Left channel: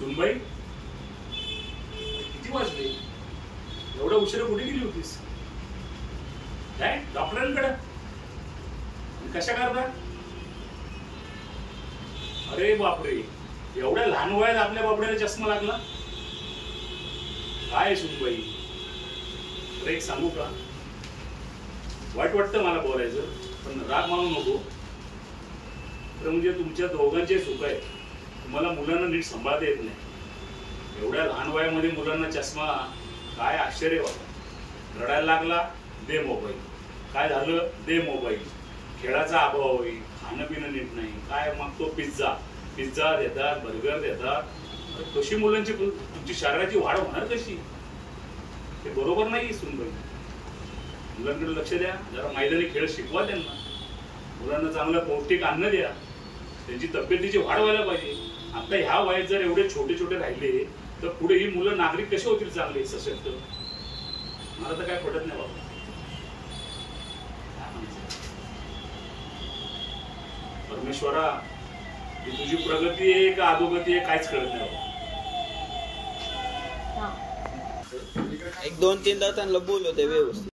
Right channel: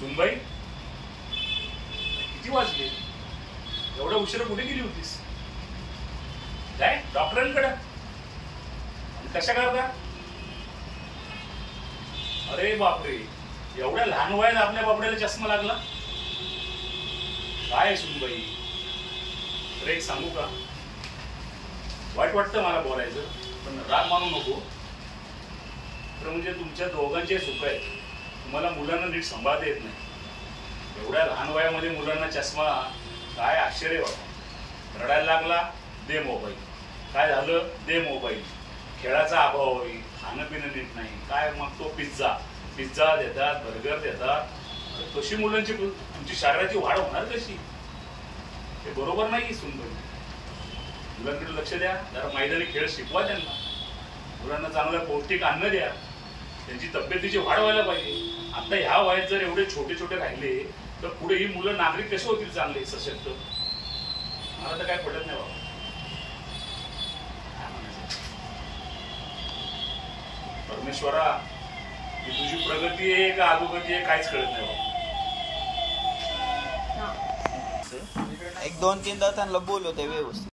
सुनबाई, किती वाजले? एवढा उशिरा कुठे गेली होतीस? काय डॉक्टरांकडे? आणि कशा करता? अरे बापरे, एवढ्या लहान वयात आपल्या बाबड्याला चष्मा लागला? काय सुनबाई, अरे एक सांगू का? वाईट वाटतं मला बोलायचं, पण राग मानू नको. तर म्हणजे तुमच्या दोघांचे सुख आहेत. तुम्हाला मुलांना नीट सांभाळता येत नाही. एवढ्या लहान वयामध्ये मुलांना चष्मा, काय आश्चर्य बाबा. रडायला लागला, दे मोबाईल. काय झालं, दे मोबाईल. खेळाचा अभाव होईल, खाणं पिणं नीट नाही, काय मग तो पिझ्झा देतात, बर्गर देतात. कशी मुलांची तुमची शरीराची वाढ होणार कशी? हे बरोबर नाही. सुनबाई, मुलांकडे लक्ष द्या, जरा मैदानी खेळ शिकवा त्यांना. मुलांना चांगलं पौष्टिक अन्न द्या, त्यांची तब्येतीची वाढ व्हायला पाहिजे. आता ह्या वयात जर एवढे छोटे छोटे राहिले तर पुढे ही मुलं नागरिक कसे होतील चांगले सशक्त? मला तर काय पटत नाही बाबा. परमेश्वरा, ही तुझी प्रगती आहे का अधोगती आहे काहीच कळत नाही बाबा. एक दोन तीनदा त्यांना बोलवते व्यवस्थित.